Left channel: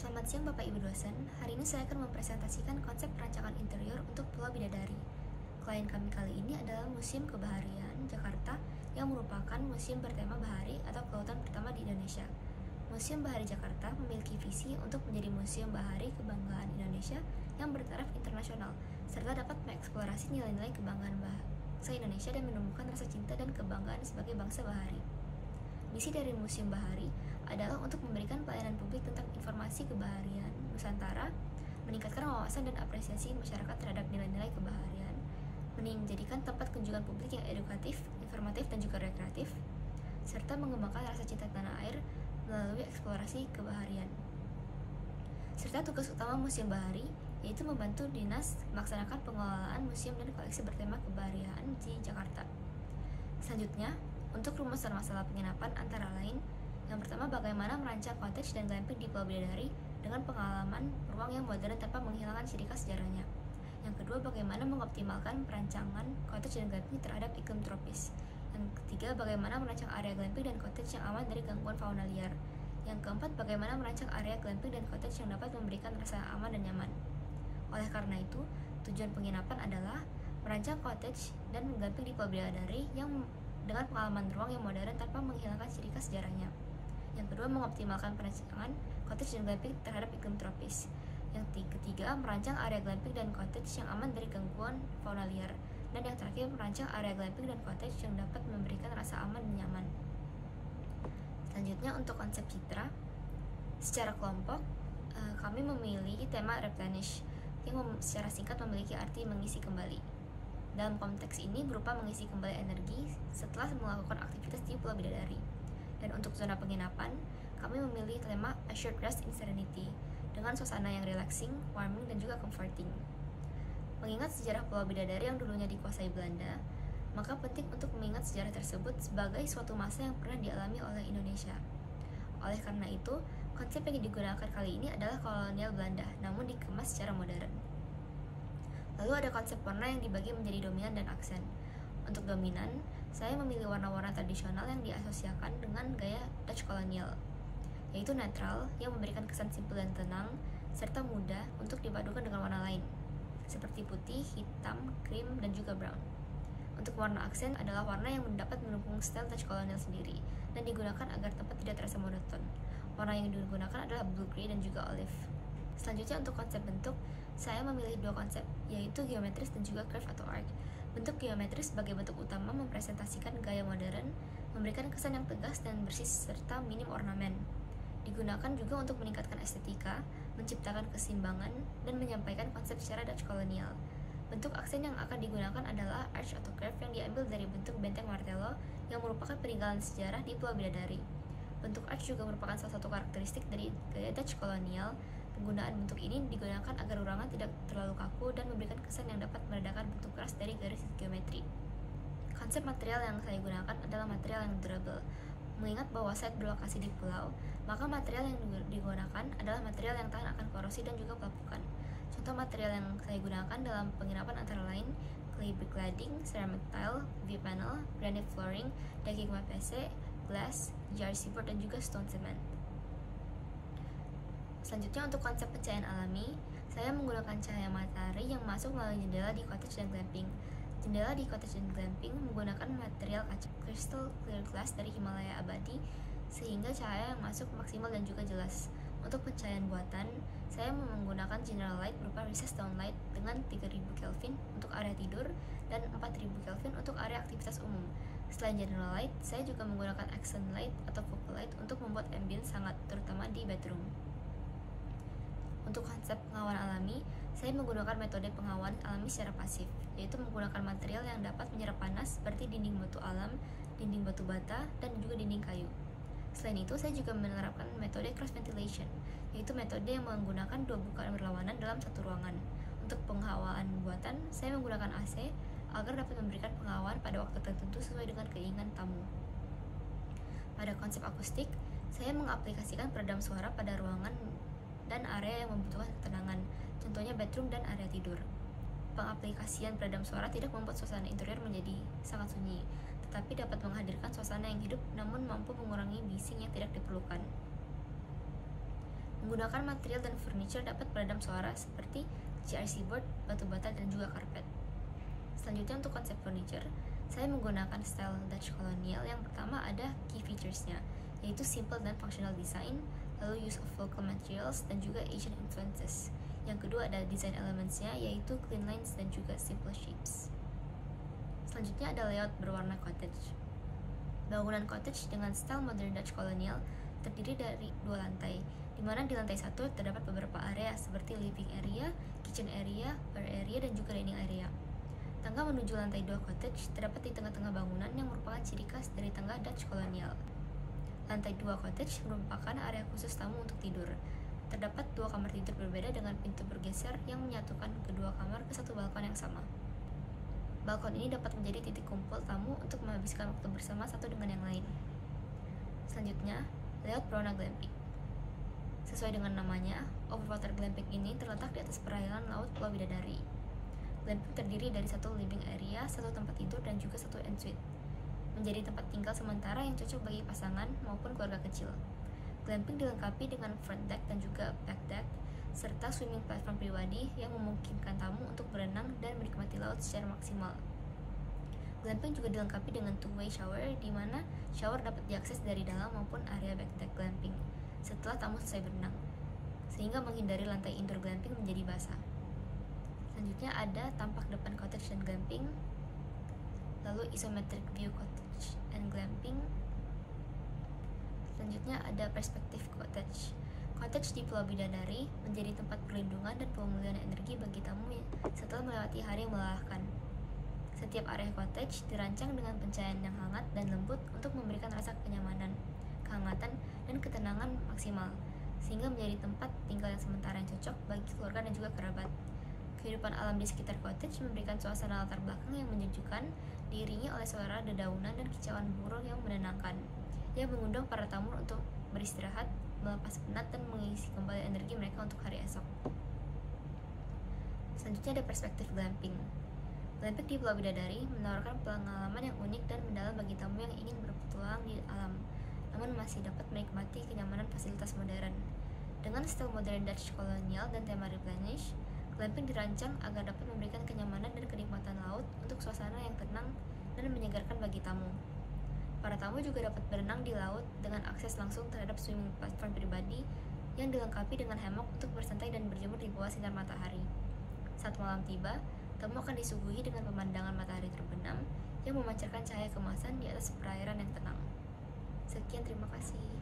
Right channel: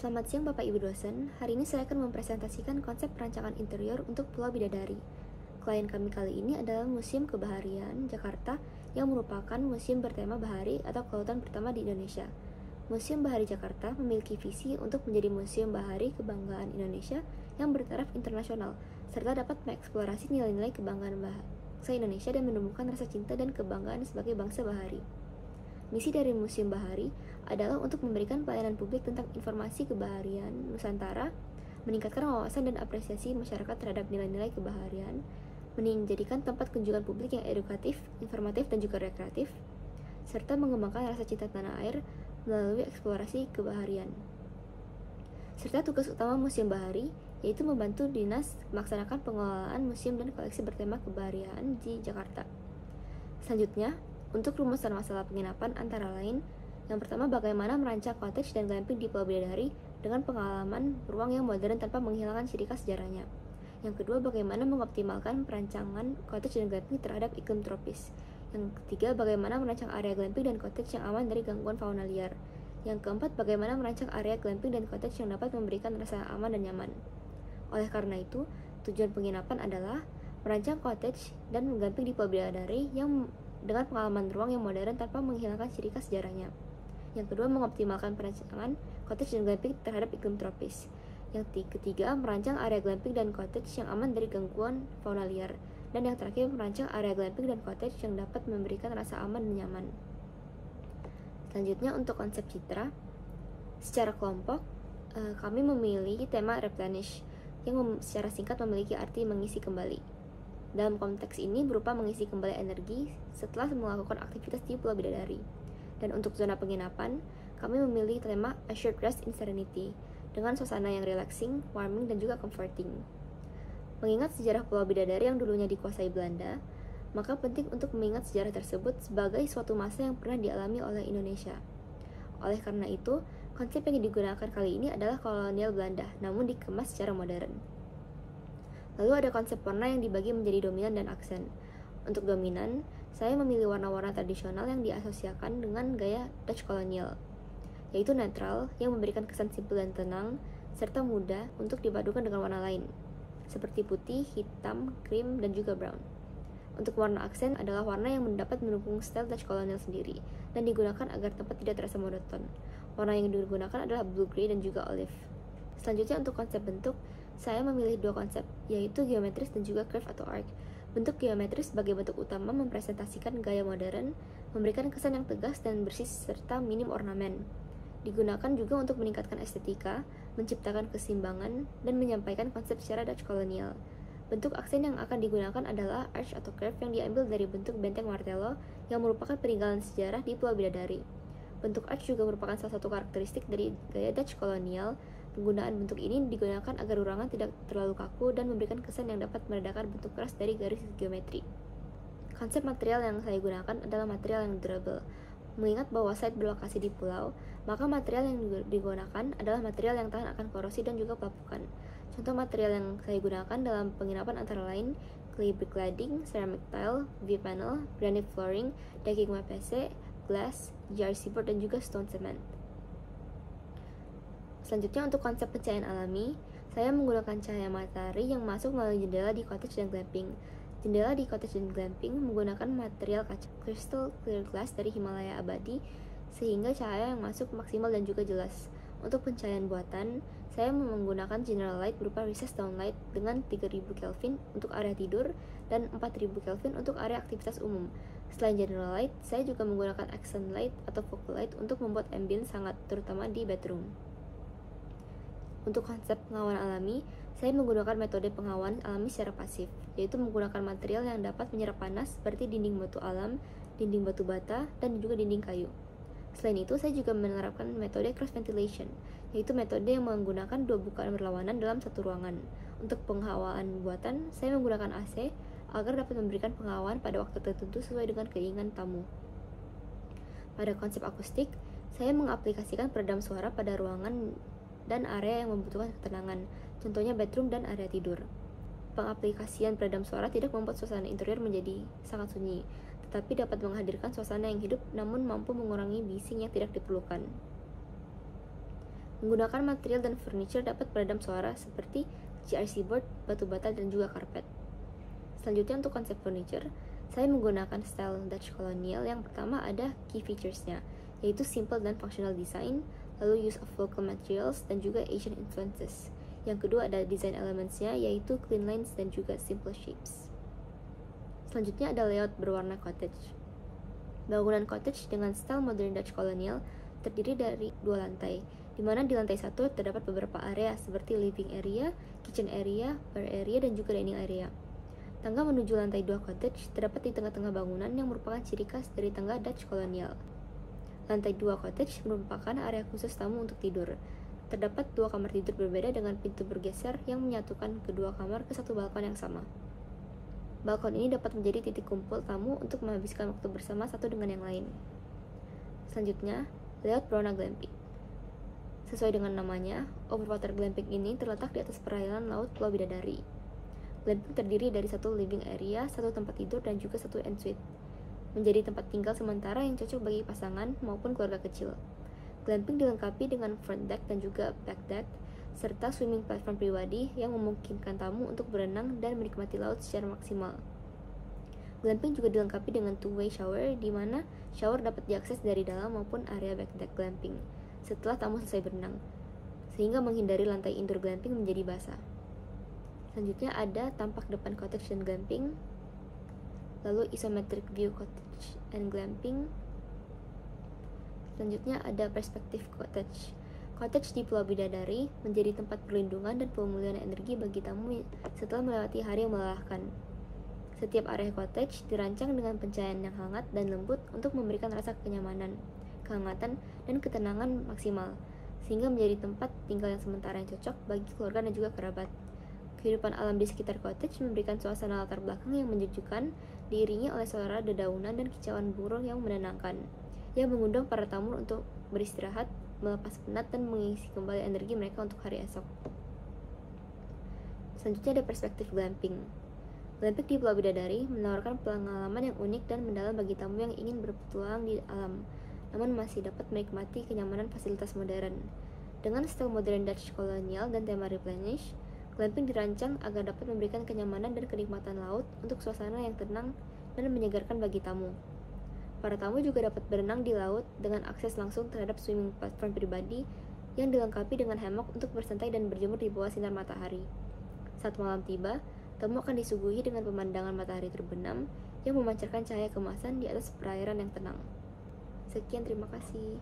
Selamat siang Bapak Ibu dosen, hari ini saya akan mempresentasikan konsep perancangan interior untuk Pulau Bidadari. Klien kami kali ini adalah Museum Kebaharian Jakarta yang merupakan museum bertema bahari atau kelautan pertama di Indonesia. Museum Bahari Jakarta memiliki visi untuk menjadi museum bahari kebanggaan Indonesia yang bertaraf internasional, serta dapat mengeksplorasi nilai-nilai kebanggaan bangsa Indonesia dan menumbuhkan rasa cinta dan kebanggaan sebagai bangsa bahari. Misi dari Museum Bahari adalah untuk memberikan pelayanan publik tentang informasi kebaharian Nusantara, meningkatkan wawasan dan apresiasi masyarakat terhadap nilai-nilai kebaharian, menjadikan tempat kunjungan publik yang edukatif, informatif, dan juga rekreatif, serta mengembangkan rasa cinta tanah air melalui eksplorasi kebaharian. Serta tugas utama Museum Bahari yaitu membantu dinas melaksanakan pengelolaan museum dan koleksi bertema kebaharian di Jakarta. Selanjutnya, untuk rumusan masalah penginapan antara lain, yang pertama bagaimana merancang cottage dan glamping di Pulau Bidadari dengan pengalaman ruang yang modern tanpa menghilangkan ciri khas sejarahnya. Yang kedua, bagaimana mengoptimalkan perancangan cottage dan glamping terhadap iklim tropis. Yang ketiga, bagaimana merancang area glamping dan cottage yang aman dari gangguan fauna liar. Yang keempat, bagaimana merancang area glamping dan cottage yang dapat memberikan rasa aman dan nyaman. Oleh karena itu, tujuan penginapan adalah merancang cottage dan glamping di Pulau Bidadari yang dengan pengalaman ruang yang modern tanpa menghilangkan ciri khas sejarahnya. Yang kedua, mengoptimalkan perancangan cottage dan glamping terhadap iklim tropis. Yang ketiga, merancang area glamping dan cottage yang aman dari gangguan fauna liar. Dan yang terakhir, merancang area glamping dan cottage yang dapat memberikan rasa aman dan nyaman. Selanjutnya, untuk konsep citra, secara kelompok, kami memilih tema replenish yang secara singkat memiliki arti mengisi kembali. Dalam konteks ini berupa mengisi kembali energi setelah melakukan aktivitas di Pulau Bidadari. Dan untuk zona penginapan, kami memilih tema A Short Rest in Serenity dengan suasana yang relaxing, warming, dan juga comforting. Mengingat sejarah Pulau Bidadari yang dulunya dikuasai Belanda, maka penting untuk mengingat sejarah tersebut sebagai suatu masa yang pernah dialami oleh Indonesia. Oleh karena itu, konsep yang digunakan kali ini adalah kolonial Belanda, namun dikemas secara modern. Lalu ada konsep warna yang dibagi menjadi dominan dan aksen. Untuk dominan, saya memilih warna-warna tradisional yang diasosiasikan dengan gaya Dutch kolonial, yaitu netral yang memberikan kesan simpel dan tenang, serta mudah untuk dipadukan dengan warna lain, seperti putih, hitam, krim, dan juga brown. Untuk warna aksen adalah warna yang dapat mendukung style Dutch kolonial sendiri, dan digunakan agar tempat tidak terasa monoton. Warna yang digunakan adalah blue grey dan juga olive. Selanjutnya untuk konsep bentuk, saya memilih dua konsep, yaitu geometris dan juga curve atau arc. Bentuk geometris sebagai bentuk utama mempresentasikan gaya modern, memberikan kesan yang tegas dan bersih serta minim ornamen. Digunakan juga untuk meningkatkan estetika, menciptakan keseimbangan, dan menyampaikan konsep secara Dutch kolonial. Bentuk aksen yang akan digunakan adalah arch atau curve yang diambil dari bentuk benteng Martello yang merupakan peninggalan sejarah di Pulau Bidadari. Bentuk arch juga merupakan salah satu karakteristik dari gaya Dutch kolonial. Penggunaan bentuk ini digunakan agar ruangan tidak terlalu kaku dan memberikan kesan yang dapat meredakan bentuk keras dari garis geometri. Konsep material yang saya gunakan adalah material yang durable. Mengingat bahwa site berlokasi di pulau, maka material yang digunakan adalah material yang tahan akan korosi dan juga pelapukan. Contoh material yang saya gunakan dalam penginapan antara lain clay brick cladding, ceramic tile, V-panel, granite flooring, decking PVC, glass, GRC board, dan juga stone cement. Selanjutnya untuk konsep pencahayaan alami, saya menggunakan cahaya matahari yang masuk melalui jendela di cottage dan glamping. Jendela di cottage dan glamping menggunakan material kaca crystal clear glass dari Himalaya abadi, sehingga cahaya yang masuk maksimal dan juga jelas. Untuk pencahayaan buatan, saya menggunakan general light berupa recessed downlight dengan 3000 Kelvin untuk area tidur dan 4000 Kelvin untuk area aktivitas umum. Selain general light, saya juga menggunakan accent light atau focal light untuk membuat ambience hangat, terutama di bedroom. Untuk konsep pengawan alami, saya menggunakan metode pengawan alami secara pasif, yaitu menggunakan material yang dapat menyerap panas seperti dinding batu alam, dinding batu bata, dan juga dinding kayu. Selain itu, saya juga menerapkan metode cross ventilation, yaitu metode yang menggunakan dua bukaan berlawanan dalam satu ruangan. Untuk penghawaan buatan, saya menggunakan AC agar dapat memberikan penghawaan pada waktu tertentu sesuai dengan keinginan tamu. Pada konsep akustik, saya mengaplikasikan peredam suara pada ruangan dan area yang membutuhkan ketenangan, contohnya bedroom dan area tidur. Pengaplikasian peredam suara tidak membuat suasana interior menjadi sangat sunyi, tetapi dapat menghadirkan suasana yang hidup namun mampu mengurangi bising yang tidak diperlukan. Menggunakan material dan furniture dapat meredam suara seperti GRC board, batu bata, dan juga karpet. Selanjutnya untuk konsep furniture, saya menggunakan style Dutch Colonial. Yang pertama ada key features-nya, yaitu simple dan functional design, lalu use of local materials, dan juga Asian influences. Yang kedua ada design elements-nya, yaitu clean lines dan juga simple shapes. Selanjutnya ada layout berwarna cottage. Bangunan cottage dengan style modern Dutch Colonial terdiri dari 2 lantai, di mana di lantai 1 terdapat beberapa area seperti living area, kitchen area, bar area, dan juga dining area. Tangga menuju lantai 2 cottage terdapat di tengah-tengah bangunan yang merupakan ciri khas dari tangga Dutch Colonial. Lantai 2 cottage merupakan area khusus tamu untuk tidur. Terdapat 2 kamar tidur berbeda dengan pintu bergeser yang menyatukan kedua kamar ke satu balkon yang sama. Balkon ini dapat menjadi titik kumpul tamu untuk menghabiskan waktu bersama satu dengan yang lain. Selanjutnya, layout berwarna glamping. Sesuai dengan namanya, overwater glamping ini terletak di atas perairan laut Pulau Bidadari. Glamping terdiri dari 1 living area, 1 tempat tidur, dan juga 1 ensuite. Menjadi tempat tinggal sementara yang cocok bagi pasangan maupun keluarga kecil. Glamping dilengkapi dengan front deck dan juga back deck, serta swimming platform pribadi yang memungkinkan tamu untuk berenang dan menikmati laut secara maksimal. Glamping juga dilengkapi dengan two-way shower, di mana shower dapat diakses dari dalam maupun area back deck glamping setelah tamu selesai berenang, sehingga menghindari lantai indoor glamping menjadi basah. Selanjutnya ada tampak depan cottage dan glamping, lalu isometric view cottage and glamping. Selanjutnya ada perspektif cottage. Cottage di Pulau Bidadari menjadi tempat perlindungan dan pemulihan energi bagi tamu setelah melewati hari yang melelahkan. Setiap area cottage dirancang dengan pencahayaan yang hangat dan lembut untuk memberikan rasa kenyamanan, kehangatan, dan ketenangan maksimal, sehingga menjadi tempat tinggal yang sementara yang cocok bagi keluarga dan juga kerabat. Kehidupan alam di sekitar cottage memberikan suasana latar belakang yang menyejukkan, diiringi oleh suara dedaunan dan kicauan burung yang menenangkan, yang mengundang para tamu untuk beristirahat, melepas penat, dan mengisi kembali energi mereka untuk hari esok. Selanjutnya ada perspektif glamping. Glamping di Pulau Bidadari menawarkan pengalaman yang unik dan mendalam bagi tamu yang ingin berpetualang di alam, namun masih dapat menikmati kenyamanan fasilitas modern. Dengan style modern Dutch Colonial dan tema replenish, glamping dirancang agar dapat memberikan kenyamanan dan kenikmatan laut untuk suasana yang tenang dan menyegarkan bagi tamu. Para tamu juga dapat berenang di laut dengan akses langsung terhadap swimming platform pribadi yang dilengkapi dengan hammock untuk bersantai dan berjemur di bawah sinar matahari. Saat malam tiba, tamu akan disuguhi dengan pemandangan matahari terbenam yang memancarkan cahaya kemasan di atas perairan yang tenang. Sekian, terima kasih.